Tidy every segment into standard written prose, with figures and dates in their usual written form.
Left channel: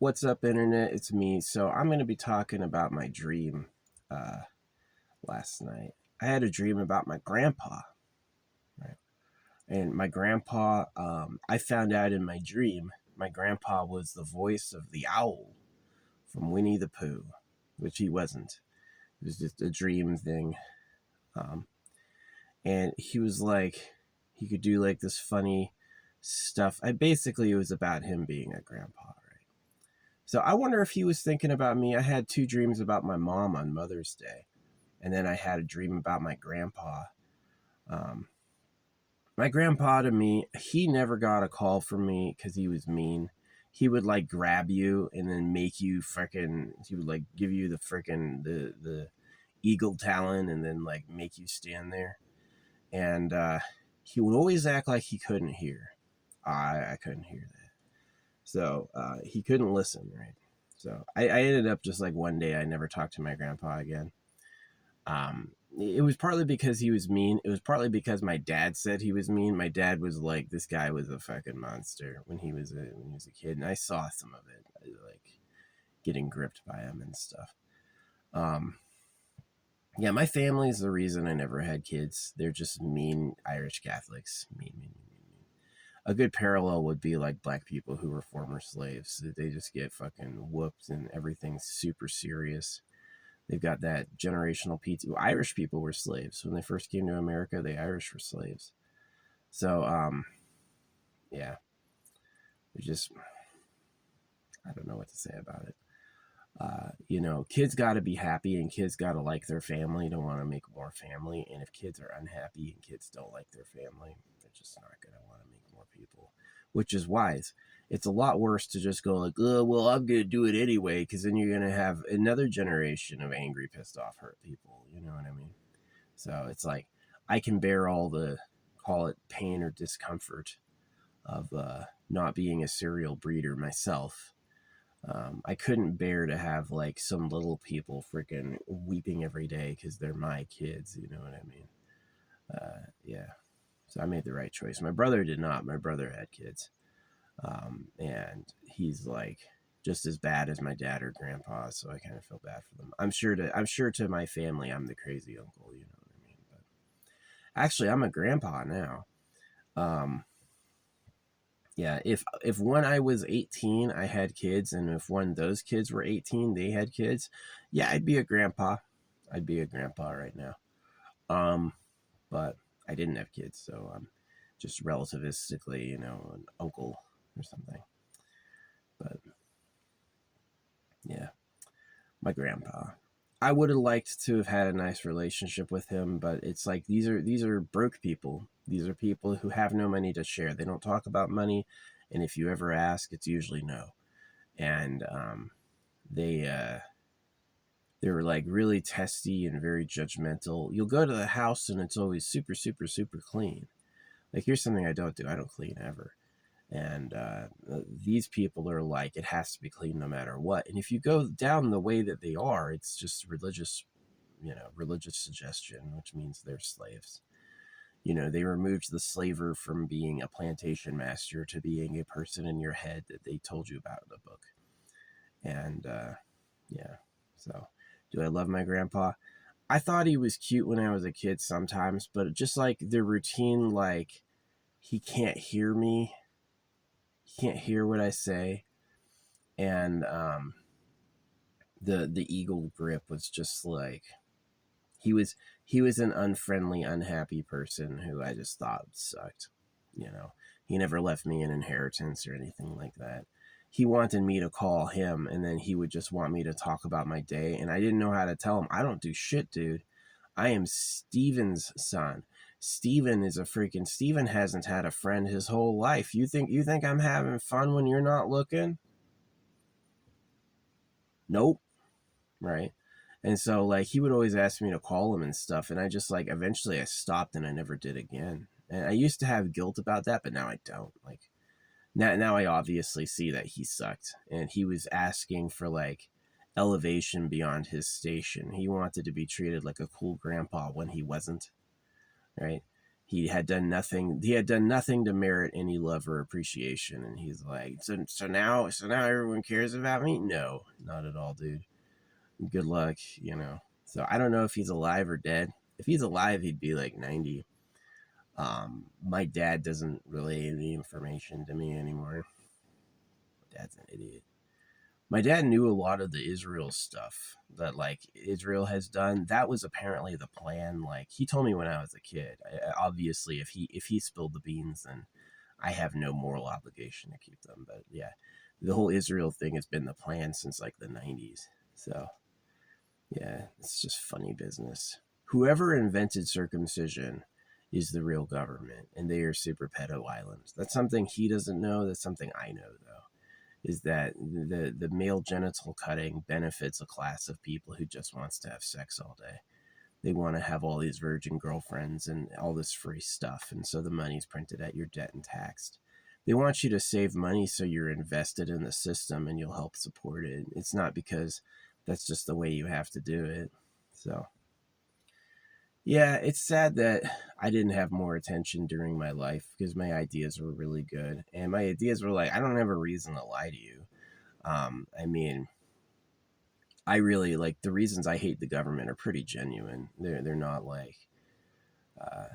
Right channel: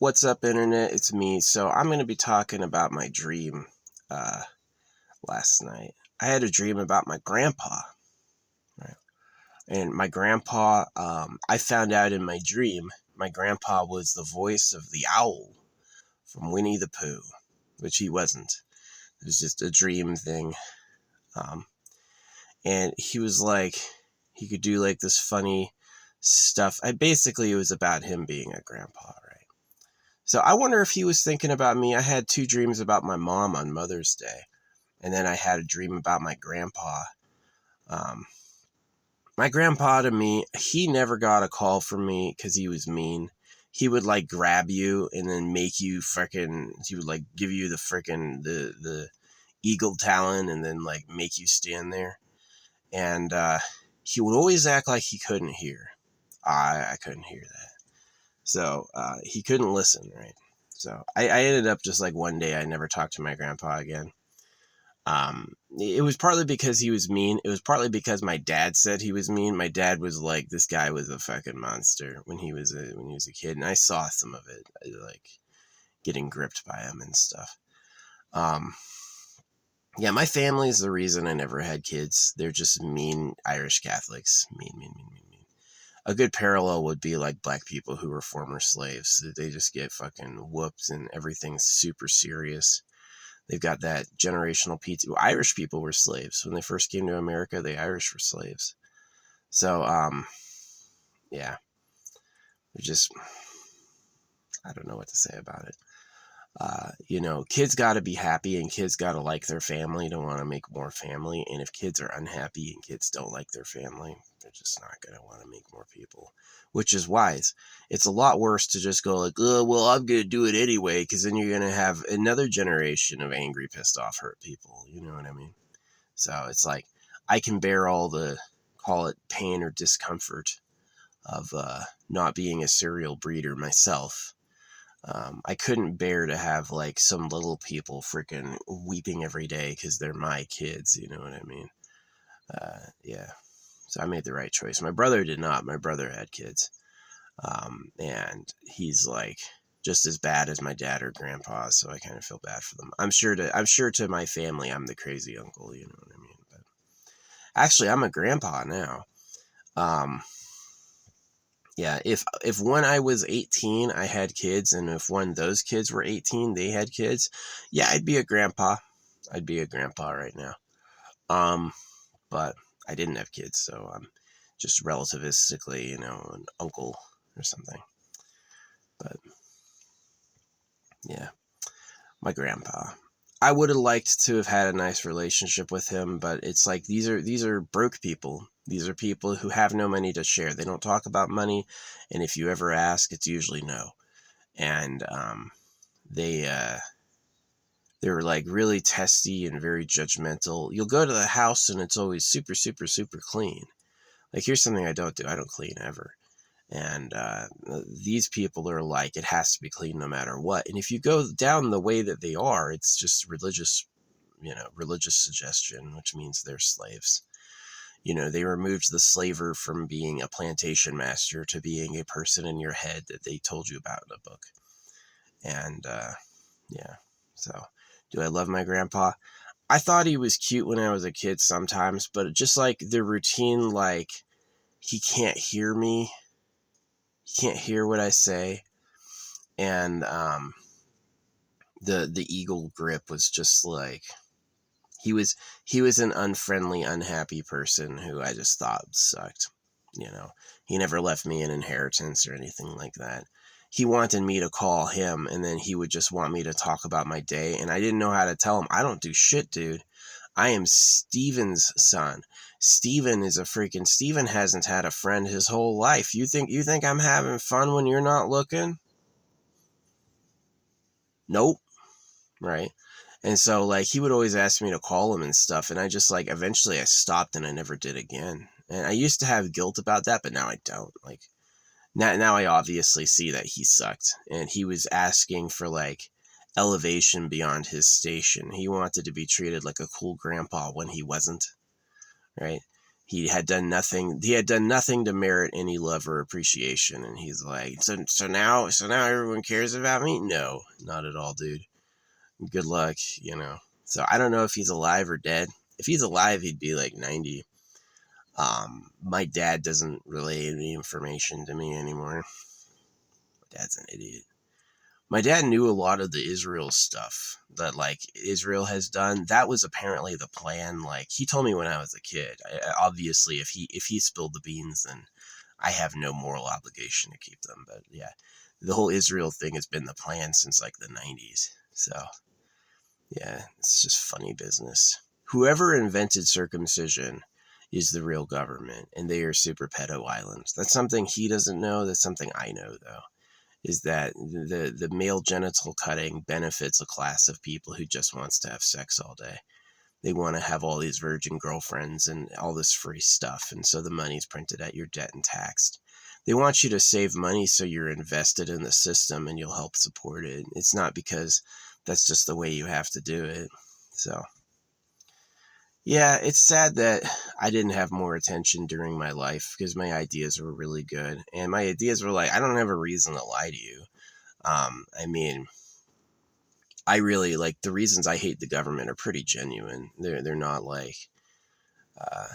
What's up, internet? It's me. So I'm going to be talking about my dream uh, last night. I had a dream about my grandpa, right? And my grandpa, I found out in my dream, my grandpa was the voice of the owl from Winnie the Pooh, which he wasn't. It was just a dream thing. Um, and he was like, he could do like this funny stuff. Basically, it was about him being a grandpa, right? So I wonder if he was thinking about me. I had two dreams about my mom on Mother's Day, and then I had a dream about my grandpa. Um, my grandpa to me, he never got a call from me because he was mean. He would like grab you and then make you freaking. He would like give you the freaking the eagle talon and then like make you stand there. And he would always act like he couldn't hear. I couldn't hear that. So he couldn't listen, right? So I ended up just like one day I never talked to my grandpa again. It was partly because he was mean. It was partly because my dad said he was mean. My dad was like, this guy was a fucking monster when he was a kid, and I saw some of it, like getting gripped by him and stuff. Um, yeah, my family is the reason I never had kids. They're just mean Irish Catholics. Mean, mean, mean, mean, mean. A good parallel would be like black people who were former slaves. They just get fucking whooped and everything's super serious. They've got that generational PT. Irish people were slaves when they first came to America. The Irish were slaves. So, yeah, we just, I don't know what to say about it. Kids got to be happy and kids got to like their family to want to make more family. And if kids are unhappy and kids don't like their family, they're just not going to want to make more people, which is wise. It's a lot worse to just go like, oh, well, I'm going to do it anyway, because then you're going to have another generation of angry, pissed off, hurt people. You know what I mean? So it's like, I can bear all the, call it pain or discomfort of not being a serial breeder myself. I couldn't bear to have like some little people freaking weeping every day because they're my kids. You know what I mean? Yeah. So I made the right choice. My brother did not. My brother had kids, and he's like just as bad as my dad or grandpa. So I kind of feel bad for them. I'm sure to my family, I'm the crazy uncle. You know what I mean? But actually, I'm a grandpa now. Um, yeah, if when I was 18 I had kids, and if when those kids were 18 they had kids, yeah, I'd be a grandpa. I'd be a grandpa right now. Um, but I didn't have kids, so I'm just relativistically, an uncle or something. But yeah, my grandpa. I would have liked to have had a nice relationship with him, but it's like these are broke people. These are people who have no money to share. They don't talk about money, and if you ever ask, it's usually no. And they they're like really testy and very judgmental. You'll go to the house and it's always super super super clean. Like, here's something I don't do. I don't clean ever. And these people are like, it has to be clean no matter what. And if you go down the way that they are, it's just religious, religious suggestion, which means they're slaves. They removed the slaver from being a plantation master to being a person in your head that they told you about in a book. And yeah, so do I love my grandpa? I thought he was cute when I was a kid sometimes, but just like the routine, like he can't hear me, he can't hear what I say, and the eagle grip was just like he was he was an unfriendly, unhappy person who I just thought sucked. You know, he never left me an inheritance or anything like that. He wanted me to call him, and then he would just want me to talk about my day, and I didn't know how to tell him, I don't do shit, dude. I am Steven's son. Steven hasn't had a friend his whole life. You think I'm having fun when you're not looking? Nope. Right. And so like he would always ask me to call him and stuff, and I just like eventually I stopped and I never did again. And I used to have guilt about that, but now I don't. Like now I obviously see that he sucked, and he was asking for like elevation beyond his station. He wanted to be treated like a cool grandpa when he wasn't, right? He had done nothing. He had done nothing to merit any love or appreciation, and he's like, so now everyone cares about me. No, not at all, dude. Good luck, you know. So I don't know if he's alive or dead. If he's alive, he'd be like 90. My dad doesn't relay any information to me anymore. My dad's an idiot. My dad knew a lot of the Israel stuff that like Israel has done. That was apparently the plan. Like he told me when I was a kid. Obviously, if he spilled the beans, then I have no moral obligation to keep them. But yeah, the whole Israel thing has been the plan since like the 90s. So yeah, it's just funny business. Whoever invented circumcision is the real government, and they are super pedo islands. That's something he doesn't know. That's something I know though. Is that the male genital cutting benefits a class of people who just wants to have sex all day. They want to have all these virgin girlfriends and all this free stuff, and so the money's printed at your debt and taxed. They want you to save money so you're invested in the system and you'll help support it. It's not because that's just the way you have to do it. So yeah, it's sad that I didn't have more attention during my life because my ideas were really good. And my ideas were like, I don't have a reason to lie to you. I mean, I really like the reasons I hate the government are pretty genuine. They're not like uh,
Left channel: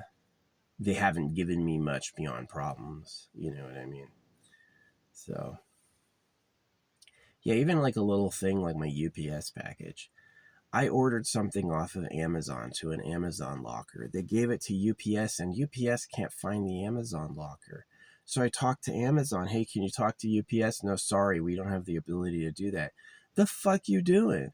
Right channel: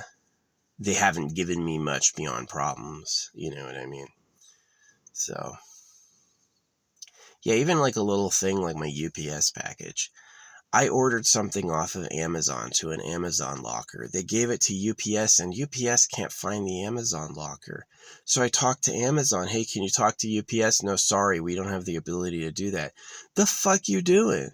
they haven't given me much beyond problems. You know what I mean? So yeah, even like a little thing like my UPS package. I ordered something off of Amazon to an Amazon locker. They gave it to UPS and UPS can't find the Amazon locker. So I talked to Amazon. Hey, can you talk to UPS? No, sorry, we don't have the ability to do that. The fuck you doing?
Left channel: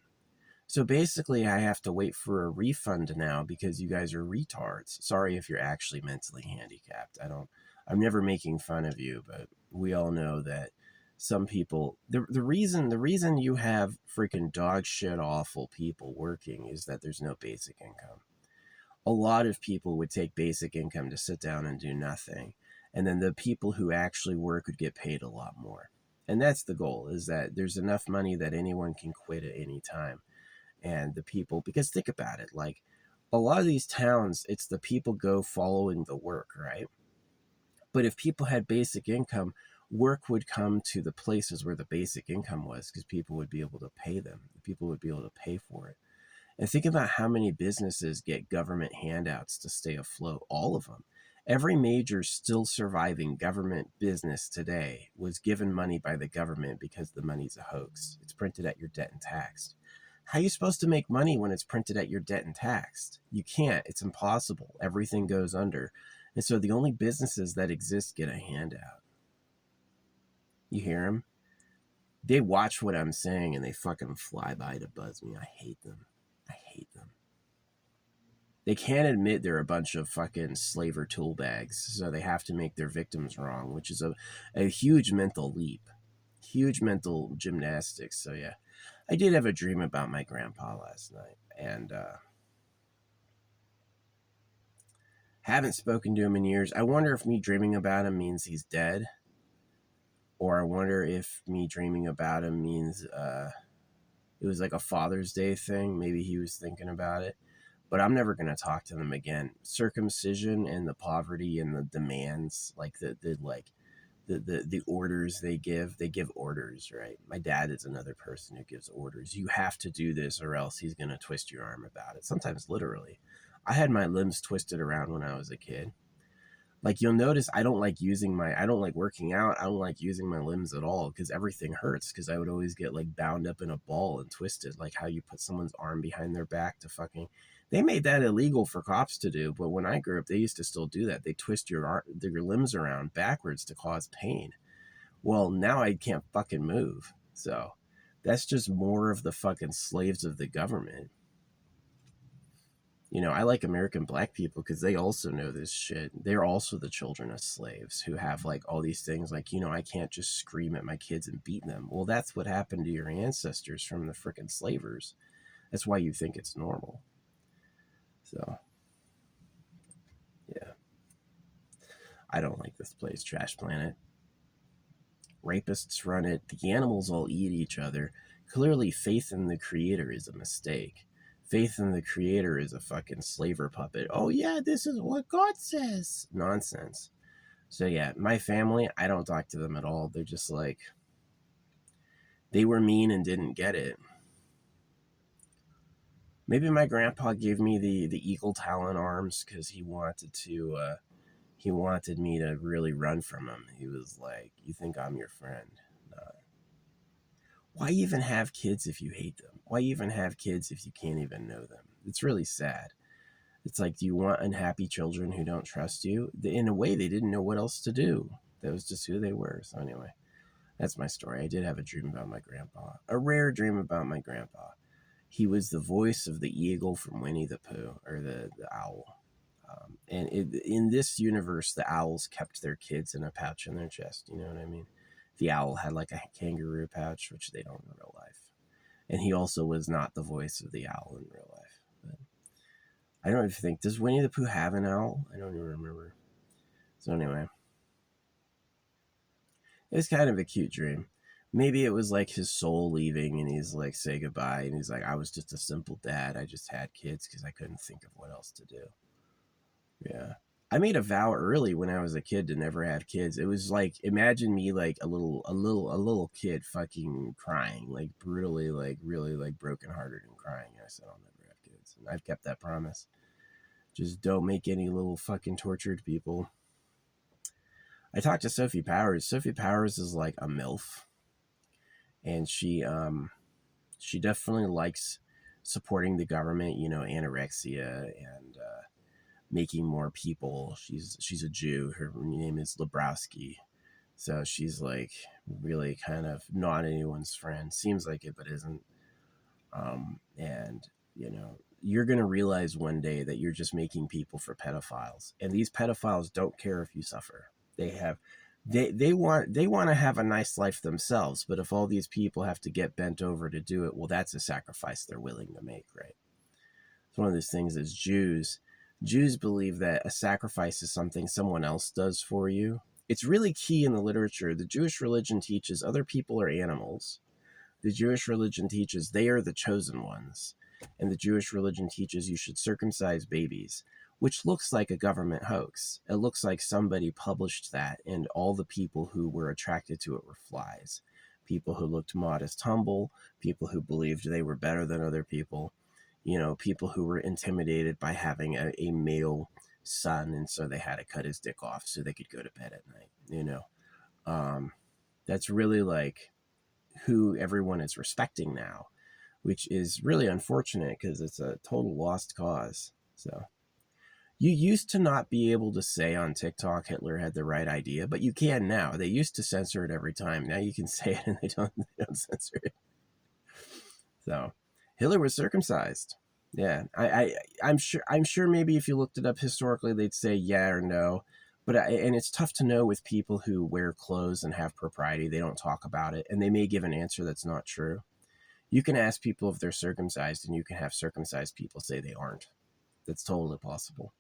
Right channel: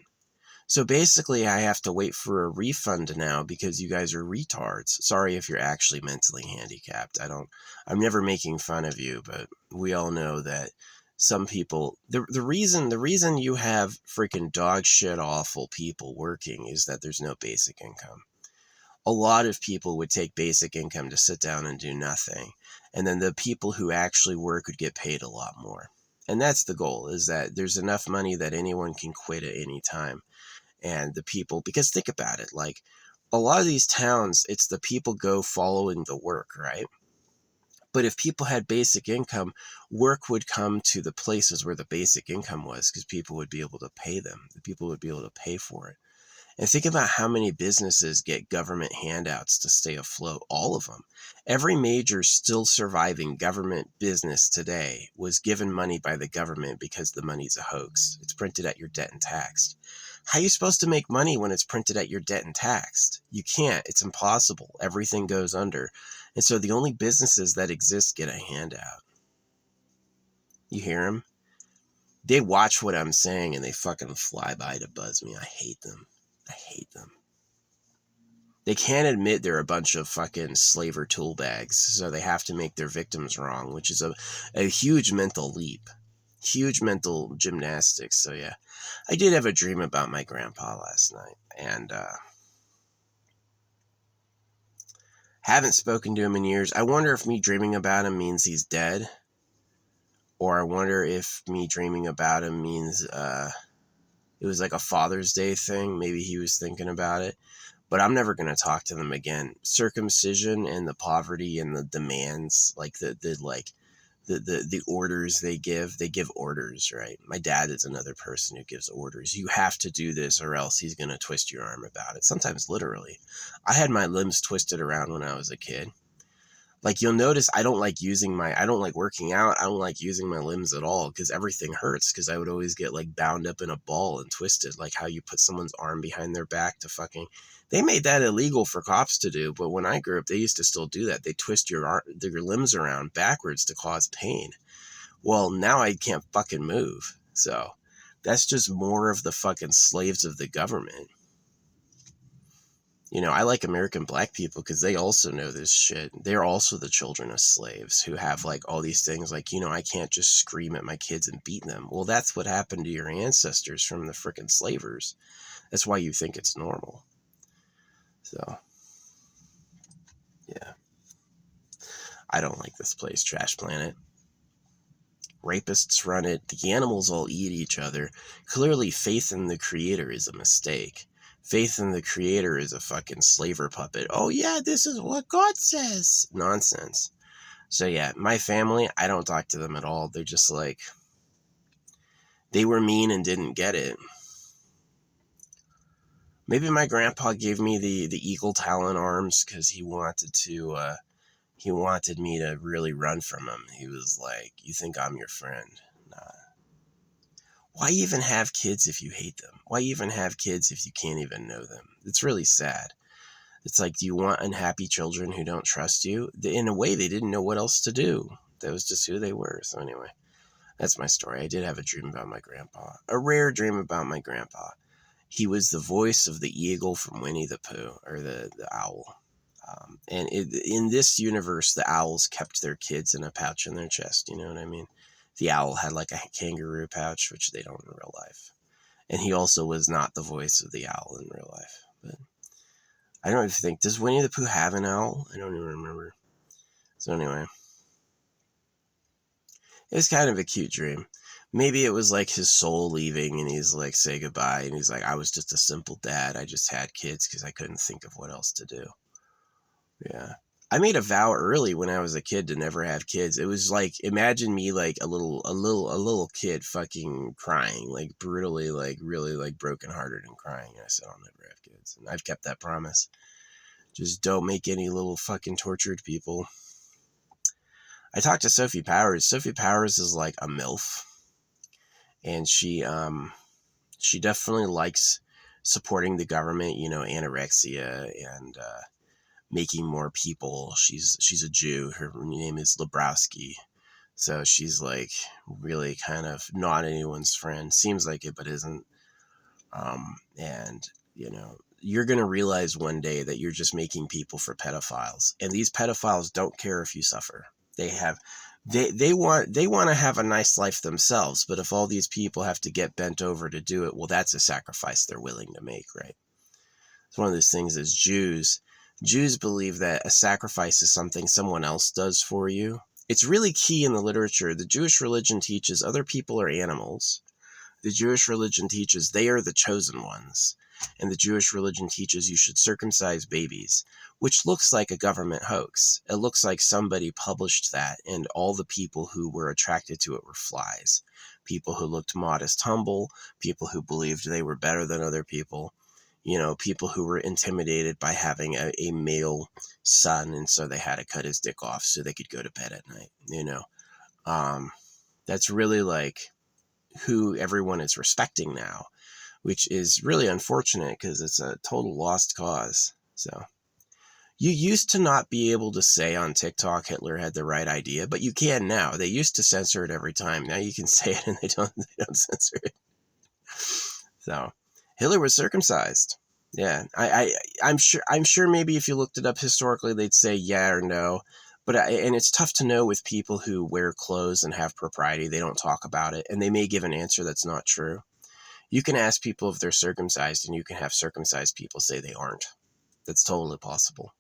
So basically I have to wait for a refund now because you guys are retards. Sorry if you're actually mentally handicapped. I'm never making fun of you, but we all know that some people the reason you have freaking dog shit awful people working is that there's no basic income. A lot of people would take basic income to sit down and do nothing, and then the people who actually work would get paid a lot more. And that's the goal, is that there's enough money that anyone can quit at any time. And the people, because think about it, like a lot of these towns, it's the people go following the work, right? But if people had basic income, work would come to the places where the basic income was because people would be able to pay them. The people would be able to pay for it. And think about how many businesses get government handouts to stay afloat. All of them. Every major still surviving government business today was given money by the government because the money's a hoax. It's printed at your debt and taxed. How are you supposed to make money when it's printed at your debt and taxed? You can't. It's impossible. Everything goes under. And so the only businesses that exist get a handout. You hear them? They watch what I'm saying and they fucking fly by to buzz me. I hate them. I hate them. They can't admit they're a bunch of fucking slaver tool bags, so they have to make their victims wrong, which is a huge mental leap. Huge mental gymnastics. So yeah, I did have a dream about my grandpa last night, and haven't spoken to him in years. I wonder if me dreaming about him means he's dead, or I wonder if me dreaming about him means it was like a Father's Day thing. Maybe he was thinking about it. But I'm never going to talk to them again. Circumcision and the poverty and the demands, like the orders they give orders, right? My dad is another person who gives orders. You have to do this or else he's going to twist your arm about it. Sometimes literally. I had my limbs twisted around when I was a kid. Like you'll notice I don't like working out. I don't like using my limbs at all because everything hurts because I would always get like bound up in a ball and twisted, like how you put someone's arm behind their back to fucking. They made that illegal for cops to do, but when I grew up, they used to still do that. They twist your limbs around backwards to cause pain. Well, now I can't fucking move. So that's just more of the fucking slaves of the government. You know, I like American black people because they also know this shit. They're also the children of slaves who have like all these things like, you know, I can't just scream at my kids and beat them. Well, that's what happened to your ancestors from the frickin' slavers. That's why you think it's normal. So, yeah. I don't like this place, Trash Planet. Rapists run it. The animals all eat each other. Clearly, faith in the creator is a mistake. Faith in the Creator is a fucking slaver puppet. Oh yeah, this is what God says. Nonsense. So yeah, my family, I don't talk to them at all. They're just like, they were mean and didn't get it. Maybe my grandpa gave me the eagle talon arms because he wanted me to really run from him. He was like, "You think I'm your friend? Nah. Why even have kids if you hate them? Why even have kids if you can't even know them?" It's really sad. It's like, do you want unhappy children who don't trust you? In a way, they didn't know what else to do. That was just who they were. So anyway, that's my story. I did have a dream about my grandpa. A rare dream about my grandpa. He was the voice of the eagle from Winnie the Pooh, or the owl. In this universe, the owls kept their kids in a pouch in their chest. You know what I mean? The owl had like a kangaroo pouch, which they don't in real life. And he also was not the voice of the owl in real life. But I don't even think, does Winnie the Pooh have an owl? I don't even remember. So anyway, it was kind of a cute dream. Maybe it was like his soul leaving and he's like, say goodbye. And he's like, I was just a simple dad. I just had kids because I couldn't think of what else to do. Yeah. I made a vow early when I was a kid to never have kids. It was like, imagine me like a little kid fucking crying, like brutally, like really like brokenhearted and crying. And I said, I'll never have kids. And I've kept that promise. Just don't make any little fucking tortured people. I talked to Sophie Powers. Sophie Powers is like a MILF. And she definitely likes supporting the government, you know, anorexia and making more people. She's a Jew. Her name is Lebrowski. So she's like really kind of not anyone's friend. Seems like it, but isn't. And you know, you're gonna realize one day that you're just making people for pedophiles, and these pedophiles don't care if you suffer. They want to have a nice life themselves, but if all these people have to get bent over to do it, well, that's a sacrifice they're willing to make, right? It's one of those things as Jews believe that a sacrifice is something someone else does for you. It's really key in the literature. The Jewish religion teaches other people are animals. The Jewish religion teaches they are the chosen ones. And the Jewish religion teaches you should circumcise babies, which looks like a government hoax. It looks like somebody published that and all the people who were attracted to it were flies. People who looked modest, humble, people who believed they were better than other people, you know, people who were intimidated by having a male son, and so they had to cut his dick off so they could go to bed at night, you know. That's really like who everyone is respecting now, which is really unfortunate because it's a total lost cause. So you used to not be able to say on TikTok Hitler had the right idea, but you can now. They used to censor it every time. Now you can say it and they don't censor it. So Hitler was circumcised. Yeah, I'm sure maybe if you looked it up historically, they'd say yeah or no. But and it's tough to know with people who wear clothes and have propriety. They don't talk about it, and they may give an answer that's not true. You can ask people if they're circumcised, and you can have circumcised people say they aren't. That's totally possible.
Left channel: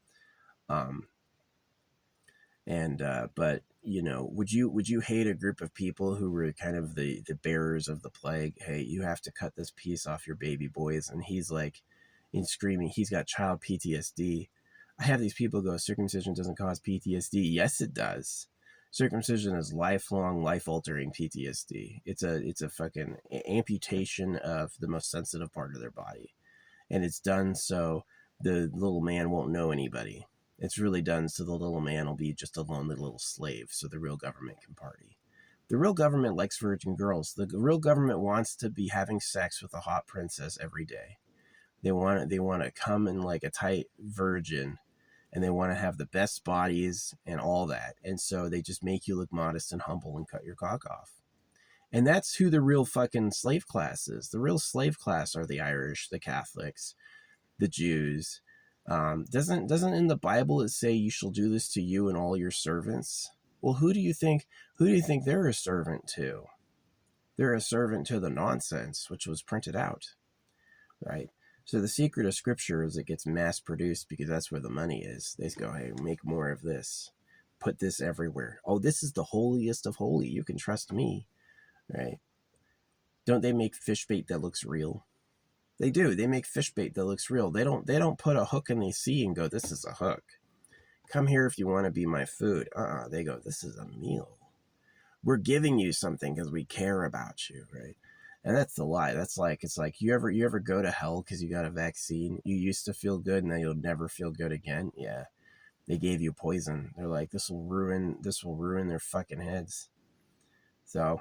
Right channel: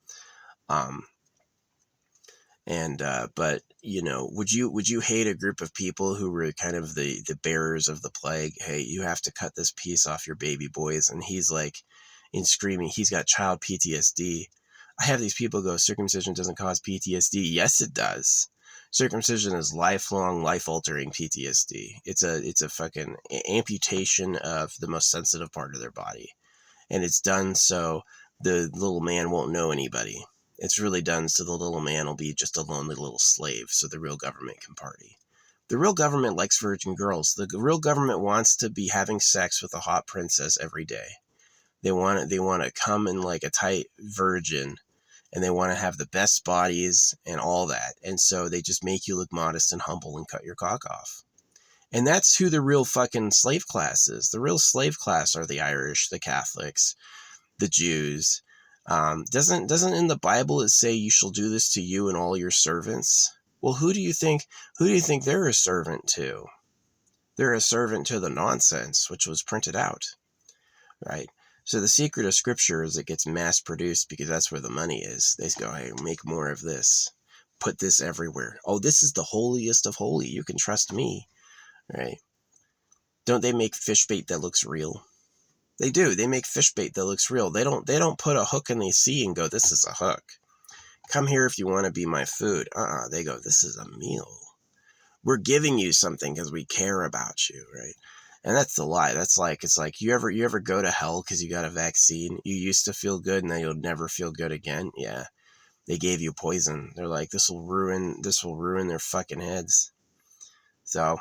But you know, would you hate a group of people who were kind of the bearers of the plague? Hey, you have to cut this piece off your baby boys, and he's like, in screaming, he's got child PTSD. I have these people go, circumcision doesn't cause PTSD. Yes, it does. Circumcision is lifelong, life-altering PTSD. It's a fucking amputation of the most sensitive part of their body, and it's done so the little man won't know anybody. It's really done so the little man will be just a lonely little slave so the real government can party. The real government likes virgin girls. The real government wants to be having sex with a hot princess every day. They want to come in like a tight virgin, and they want to have the best bodies and all that. And so they just make you look modest and humble and cut your cock off. And that's who the real fucking slave class is. The real slave class are the Irish, the Catholics, the Jews. Doesn't in the Bible it say you shall do this to you and all your servants? Well, who do you think they're a servant to? They're a servant to the nonsense which was printed out, right? So the secret of scripture is it gets mass produced because that's where the money is. They go, hey, make more of this, put this everywhere. Oh, this is the holiest of holy. You can trust me, right? Don't they make fish bait that looks real? They do. They make fish bait that looks real. They don't put a hook in the sea and go, this is a hook. Come here if you want to be my food. They go, this is a meal. We're giving you something because we care about you, right? And that's the lie. That's like, it's like, you ever go to hell because you got a vaccine? You used to feel good and then you'll never feel good again. Yeah. They gave you poison. They're like, this will ruin their fucking heads. So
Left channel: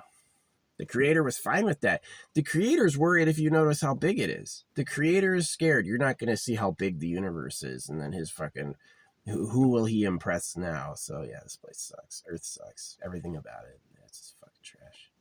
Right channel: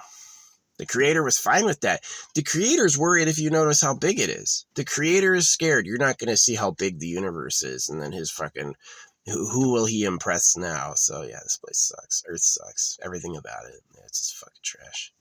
the creator was fine with that. The creator's worried if you notice how big it is. The creator is scared. You're not going to see how big the universe is. And then his fucking, who will he impress now? So yeah, this place sucks. Earth sucks. Everything about it. It's just fucking trash.